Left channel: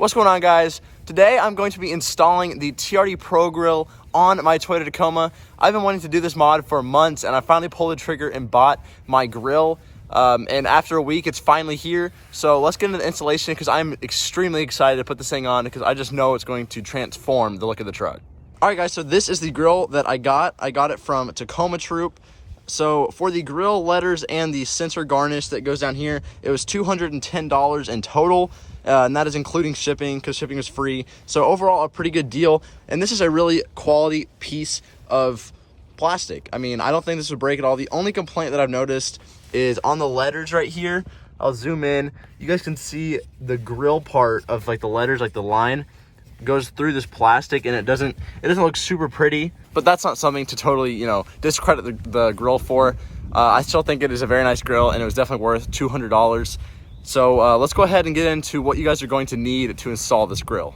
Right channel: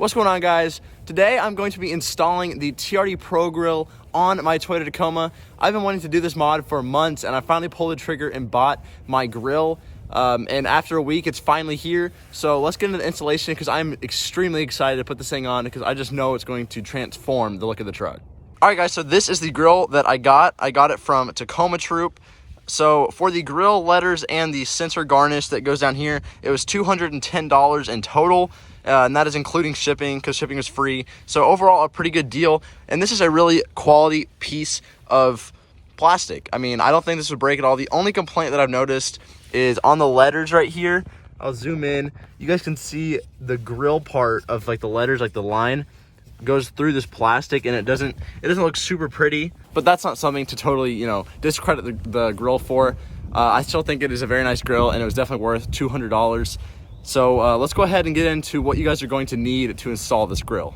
What's going on, guys? Today I'm going to be installing the TRD Pro Grill on my Toyota Tacoma. I've been wanting to do this mod for months, and I finally pulled the trigger and bought my grill. And after a week, it's finally here. So let's get into the installation because I'm extremely excited to put this thing on because I just know it's going to transform the look of the truck. All right, guys, so this is the grill that I got. I got it from Tacoma Troop. So for the grill letters and the sensor garnish that goes down here, it was $210 in total. And that is including shipping because shipping is free. So overall, a pretty good deal. And this is a really quality piece of plastic. I mean, I don't think this would break at all. The only complaint that I've noticed is on the letters right here. I'll zoom in. You guys can see the grill part of like the letters, like the line goes through this plastic, and it doesn't look super pretty. But that's not something to totally, discredit the grill for. I still think it is a very nice grill, and it was definitely worth $200. So let's go ahead and get into what you guys are going to need to install this grill.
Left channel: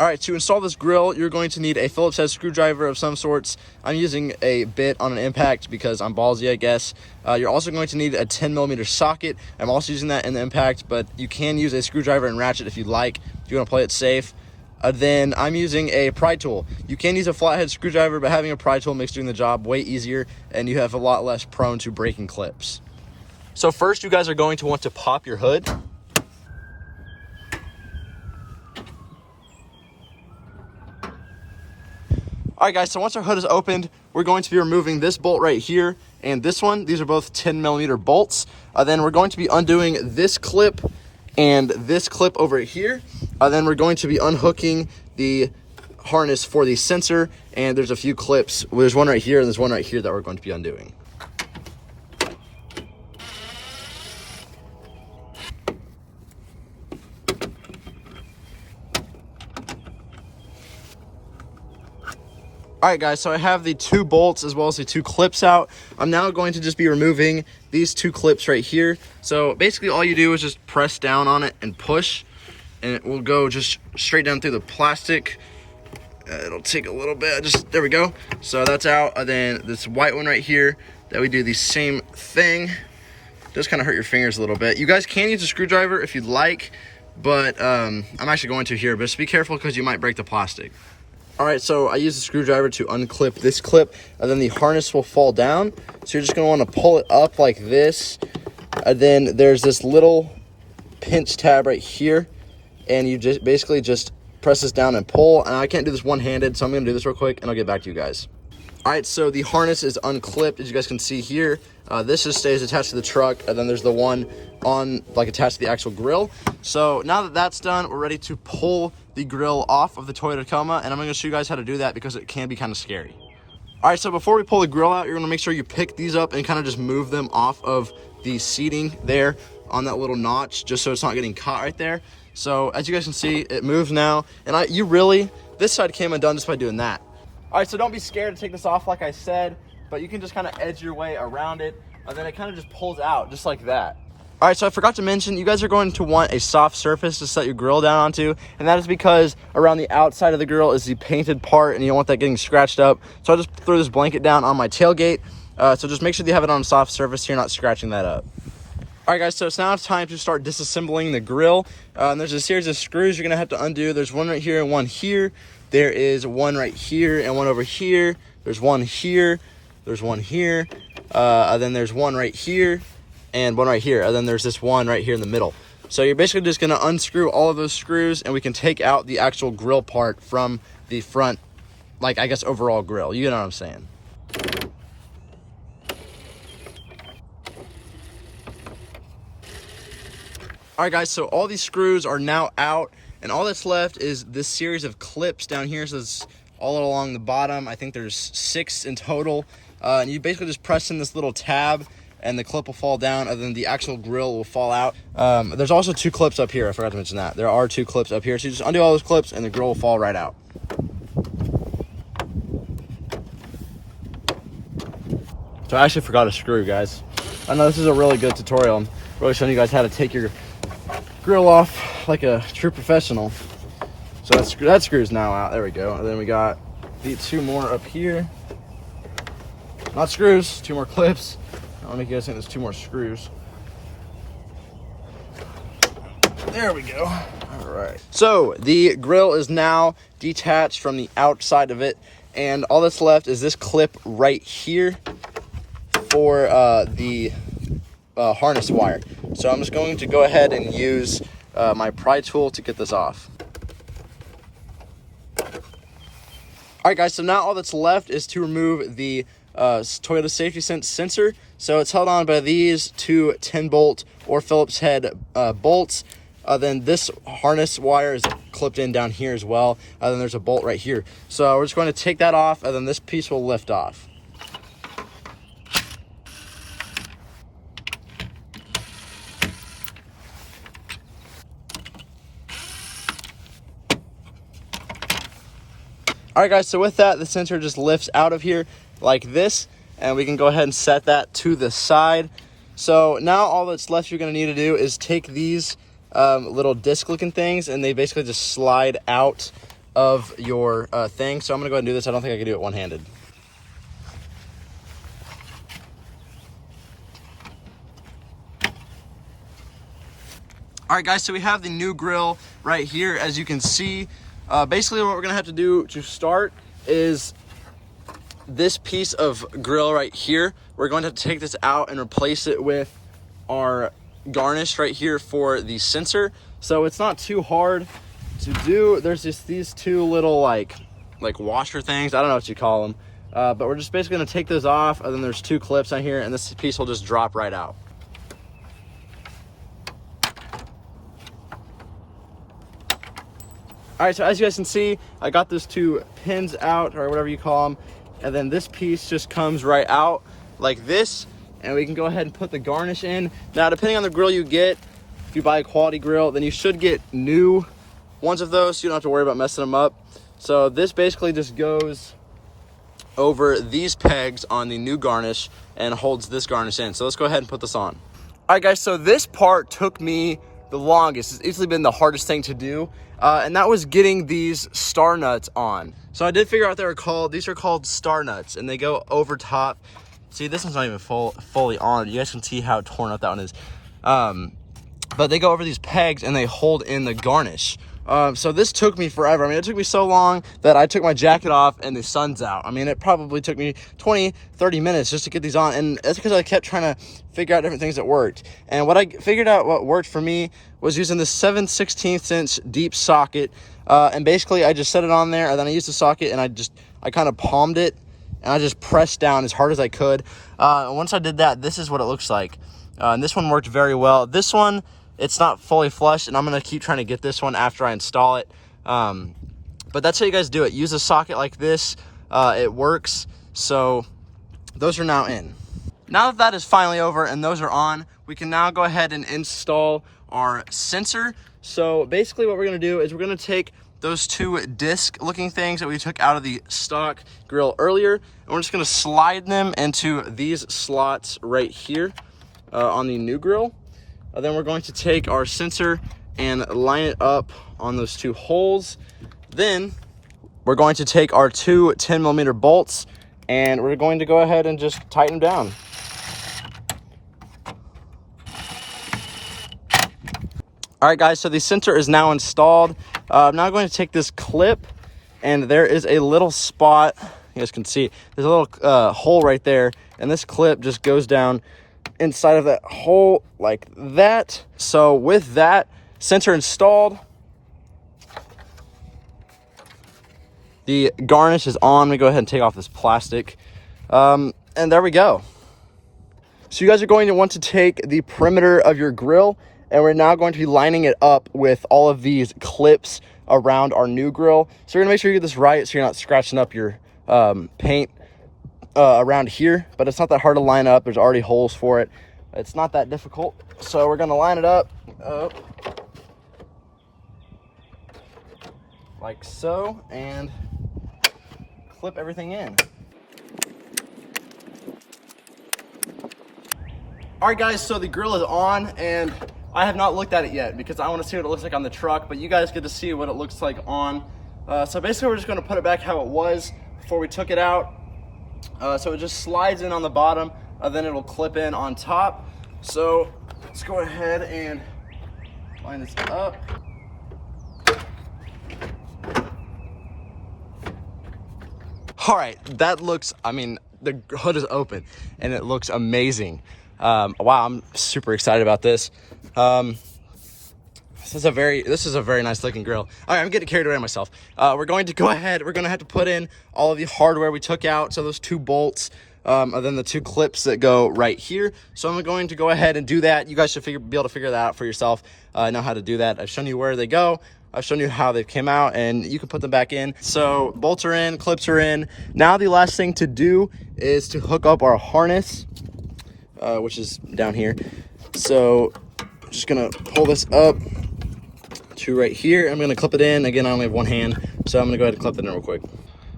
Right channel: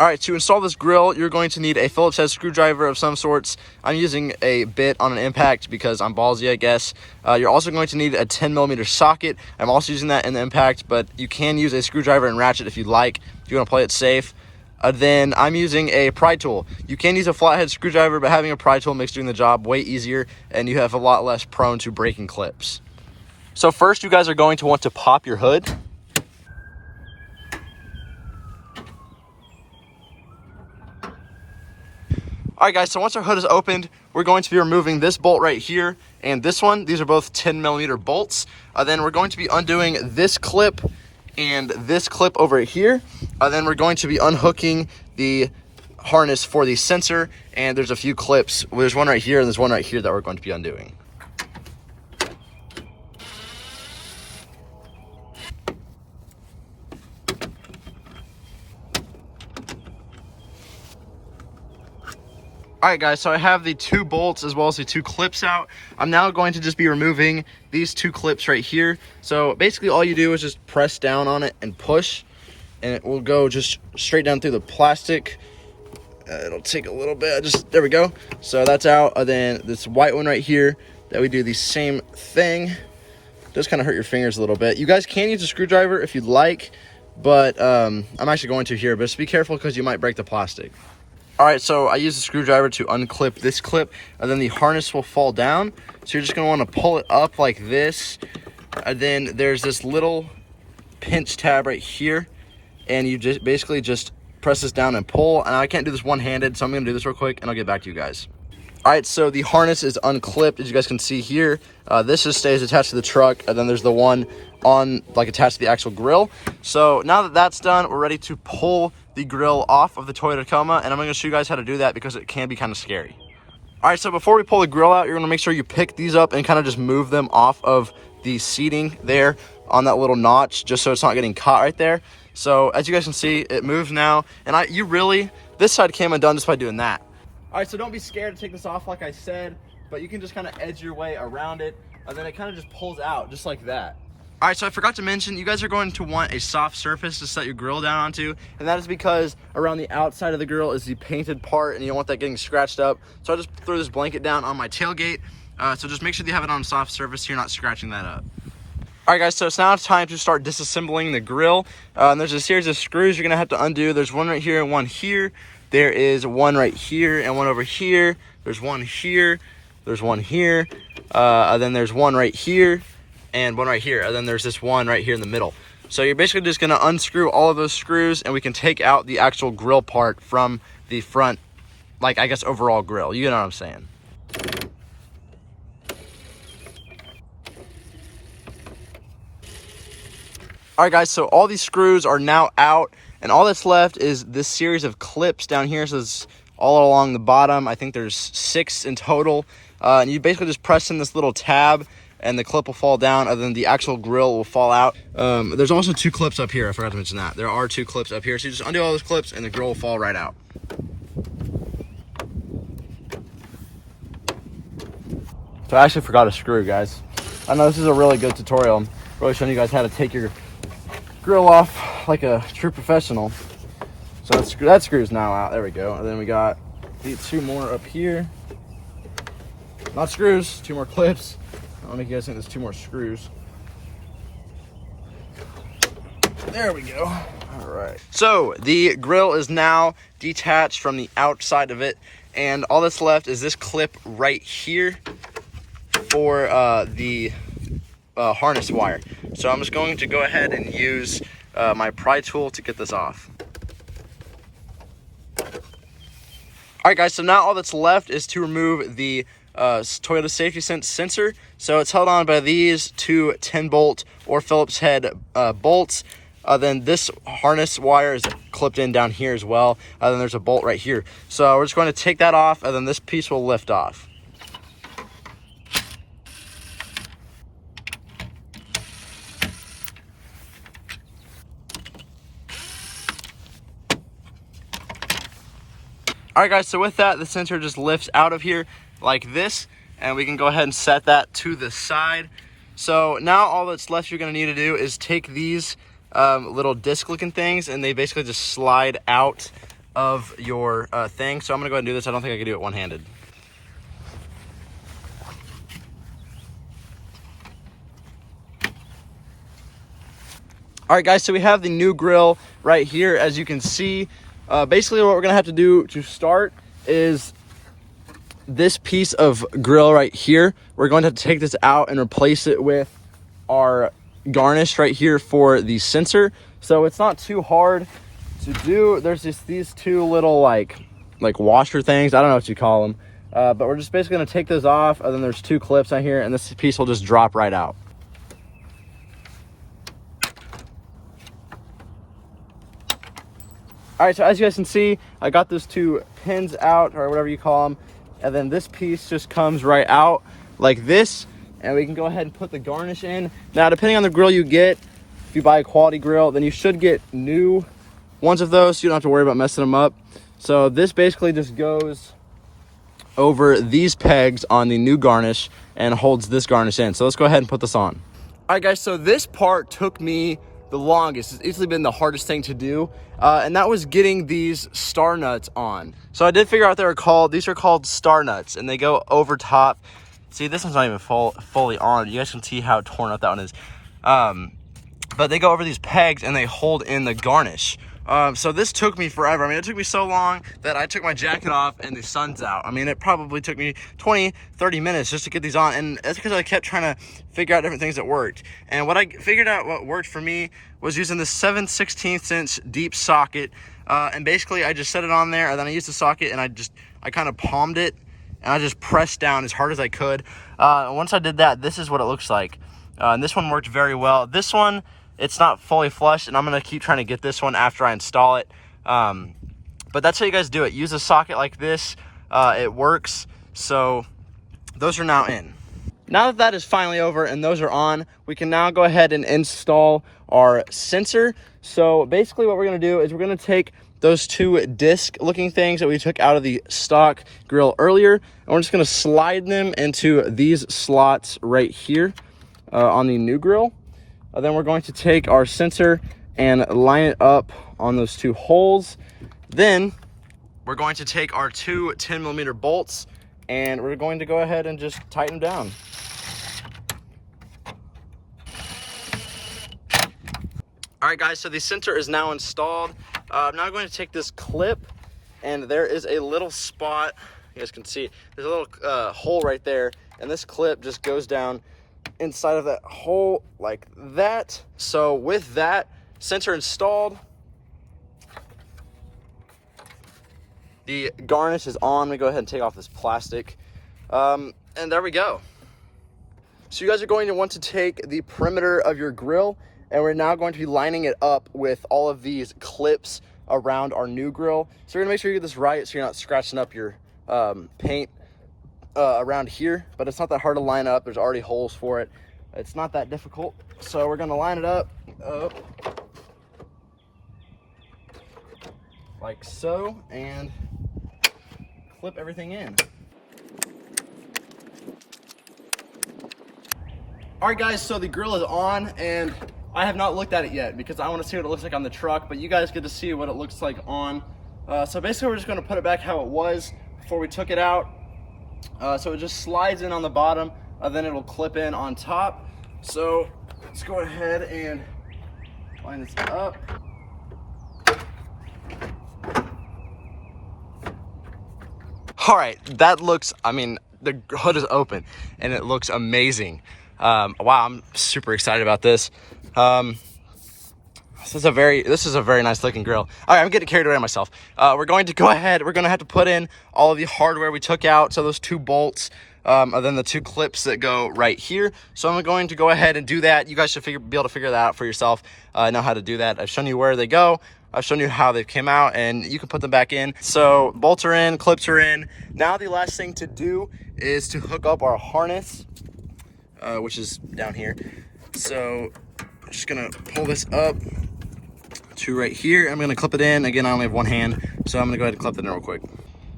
All right, to install this grill, you're going to need a Phillips head screwdriver of some sorts. I'm using a bit on an impact because I'm ballsy, I guess. You're also going to need a 10mm socket. I'm also using that in the impact, but you can use a screwdriver and ratchet if you'd like, if you want to play it safe. Then I'm using a pry tool. You can use a flathead screwdriver, but having a pry tool makes doing the job way easier, and you have a lot less prone to breaking clips. So first, you guys are going to want to pop your hood. All right, guys, so once our hood is opened, we're going to be removing this bolt right here and this one. These are both 10mm bolts. Then we're going to be undoing this clip and this clip over here. Then we're going to be unhooking the harness for the sensor, and there's a few clips. There's one right here and there's one right here that we're going to be undoing. All right, guys, so I have the two bolts as well as the two clips out. I'm now going to just be removing these two clips right here. So basically all you do is just press down on it and push, and it will go just straight down through the plastic. It'll take a little bit, there we go. So that's out. And then this white one right here, that we do the same thing. It does kind of hurt your fingers a little bit. You guys can use a screwdriver if you'd like, but I'm actually going to here, but just be careful because you might break the plastic. All right, so I use the screwdriver to unclip this clip, and then the harness will fall down. So you're just gonna wanna pull it up like this. And then there's this little pinch tab right here, and you just basically just press this down and pull. And I can't do this one-handed, so I'm gonna do this real quick, and I'll get back to you guys. All right, so the harness is unclipped, as you guys can see here. This just stays attached to the truck, and then there's the one on, attached to the actual grill. So now that that's done, we're ready to pull the grill off of the Toyota Tacoma, and I'm gonna show you guys how to do that because it can be kind of scary. All right, so before we pull the grill out, you're gonna make sure you pick these up and kind of just move them off of the seating there on that little notch, just so it's not getting caught right there. So as you guys can see, it moves now, and this side came undone just by doing that. All right, so don't be scared to take this off like I said, but you can just kind of edge your way around it, and then it kind of just pulls out just like that. All right, so I forgot to mention, you guys are going to want a soft surface to set your grill down onto, and that is because around the outside of the grill is the painted part, and you don't want that getting scratched up. So I'll just throw this blanket down on my tailgate. So just make sure you have it on a soft surface so you're not scratching that up. All right, guys, so it's now time to start disassembling the grill. And there's a series of screws you're gonna have to undo. There's one right here and one here. There is one right here and one over here. There's one here. There's one here. And then there's one right here and one right here. And then there's this one right here in the middle. So you're basically just gonna unscrew all of those screws, and we can take out the actual grill part from the front, I guess, overall grill. You know what I'm saying? All right, guys, so all these screws are now out, and all that's left is this series of clips down here. So it's all along the bottom. I think there's 6 in total. And you basically just press in this little tab, and the clip will fall down, and then the actual grill will fall out. There's also 2 clips up here. I forgot to mention that. There are 2 clips up here. So you just undo all those clips, and the grill will fall right out. So I actually forgot a screw, guys. I know this is a really good tutorial. I'm really showing you guys how to take your grill off like a true professional. So that screw's now out. There we go. And then we got the 2 more up here. Not screws, 2 more clips. I want to make you guys think there's 2 more screws. There we go. All right. So the grill is now detached from the outside of it, and all that's left is this clip right here for the harness wire. So I'm just going to go ahead and use my pry tool to get this off. All right, guys, so now all that's left is to remove the Toyota Safety Sense sensor. So it's held on by these two 10-bolt or Phillips head bolts. Then this harness wire is clipped in down here as well. Then there's a bolt right here. So we're just going to take that off, and then this piece will lift off. All right, guys, so with that, the sensor just lifts out of here like this, and we can go ahead and set that to the side. So now all that's left you're gonna need to do is take these little disc looking things, and they basically just slide out of your thing. So I'm gonna go ahead and do this. I don't think I can do it one-handed. All right, guys, so we have the new grill right here. As you can see, basically what we're gonna have to do to start is this piece of grill right here. We're going to have to take this out and replace it with our garnish right here for the sensor. So it's not too hard to do. There's just these two little like washer things. I don't know what you call them, but we're just basically gonna take those off, and then there's two clips on here, and this piece will just drop right out. All right, so as you guys can see, I got those two pins out, or whatever you call them, and then this piece just comes right out like this, and we can go ahead and put the garnish in. Now, depending on the grill you get, if you buy a quality grill, then you should get new ones of those, so you don't have to worry about messing them up. So this basically just goes over these pegs on the new garnish and holds this garnish in. So let's go ahead and put this on. All right, guys, so this part took me the longest. It's easily been the hardest thing to do. And that was getting these star nuts on. So I did figure out these are called star nuts, and they go over top. See, this one's not even fully on. You guys can see how torn up that one is. But they go over these pegs, and they hold in the garnish. So this took me forever. I mean, it took me so long that I took my jacket off and the sun's out. I mean, it probably took me 20, 30 minutes just to get these on. And that's because I kept trying to figure out different things that worked. And what I figured out what worked for me was using the 7/16 inch deep socket. And basically I just set it on there, and then I used the socket, and I kind of palmed it, and I just pressed down as hard as I could. Once I did that, this is what it looks like. And this one worked very well. This one, it's not fully flush, and I'm gonna keep trying to get this one after I install it. But that's how you guys do it. Use a socket like this. It works. So those are now in. Now that that is finally over and those are on, we can now go ahead and install our sensor. So basically what we're gonna do is we're gonna take those two disc looking things that we took out of the stock grill earlier, and we're just gonna slide them into these slots right here on the new grill. Then we're going to take our sensor and line it up on those two holes. Then we're going to take our two 10mm bolts, and we're going to go ahead and just tighten them down. All right, guys, so the sensor is now installed. I'm now going to take this clip, and there is a little spot. You guys can see there's a little hole right there, and this clip just goes down inside of that hole like that. So with that sensor installed, the garnish is on. Let me go ahead and take off this plastic, and there we go. So you guys are going to want to take the perimeter of your grill, and we're now going to be lining it up with all of these clips around our new grill. So you're gonna make sure you get this right so you're not scratching up your paint around here, but it's not that hard to line up. There's already holes for it. It's not that difficult. So we're gonna line it up like so, and clip everything in. All right, guys, so the grill is on, and I have not looked at it yet because I want to see what it looks like on the truck, but you guys get to see what it looks like on. So basically we're just going to put it back how it was before we took it out. So it just slides in on the bottom, then it'll clip in on top. So let's go ahead and line this up. All right, that looks, I mean, the hood is open and it looks amazing. Wow, I'm super excited about this. This is a very nice looking grill. All right, I'm getting carried away myself. We're going to go ahead. We're going to have to put in all of the hardware we took out. So those 2 bolts, and then the 2 clips that go right here. So I'm going to go ahead and do that. You guys should be able to figure that out for yourself. Know how to do that. I've shown you where they go. I've shown you how they came out, and you can put them back in. So bolts are in, clips are in. Now the last thing to do is to hook up our harness, which is down here. So I'm just gonna pull this up to right here. I'm gonna clip it in. Again, I only have one hand, so I'm gonna go ahead and clip it in real quick.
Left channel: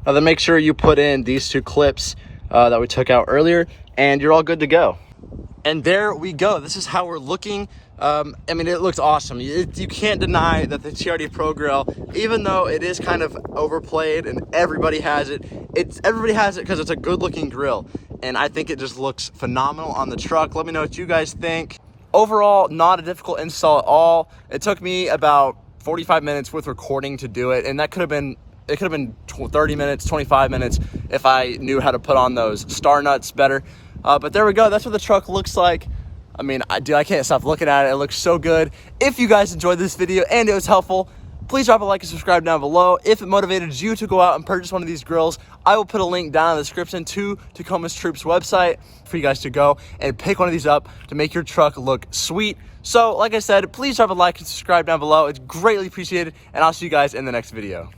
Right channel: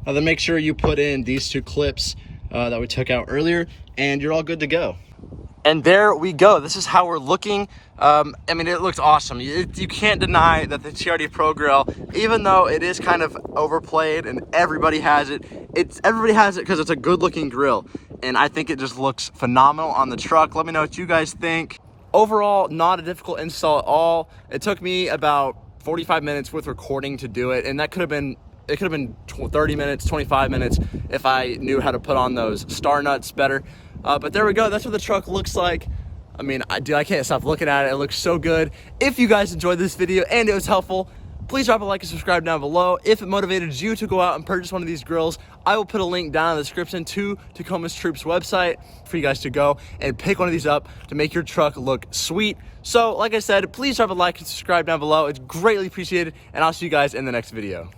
Now then make sure you put in these 2 clips that we took out earlier, and you're all good to go. And there we go. This is how we're looking. I mean, it looks awesome. You can't deny that the TRD Pro Grill, even though it is kind of overplayed and everybody has it, everybody has it because it's a good looking grill. And I think it just looks phenomenal on the truck. Let me know what you guys think. Overall, not a difficult install at all. It took me about 45 minutes with recording to do it, and that could have been 30 minutes, 25 minutes if I knew how to put on those star nuts better. But there we go. That's what the truck looks like. I mean, I can't stop looking at it. It looks so good. If you guys enjoyed this video and it was helpful, please drop a like and subscribe down below. If it motivated you to go out and purchase one of these grills, I will put a link down in the description to Tacoma's Troops website for you guys to go and pick one of these up to make your truck look sweet. So, like I said, please drop a like and subscribe down below. It's greatly appreciated, and I'll see you guys in the next video.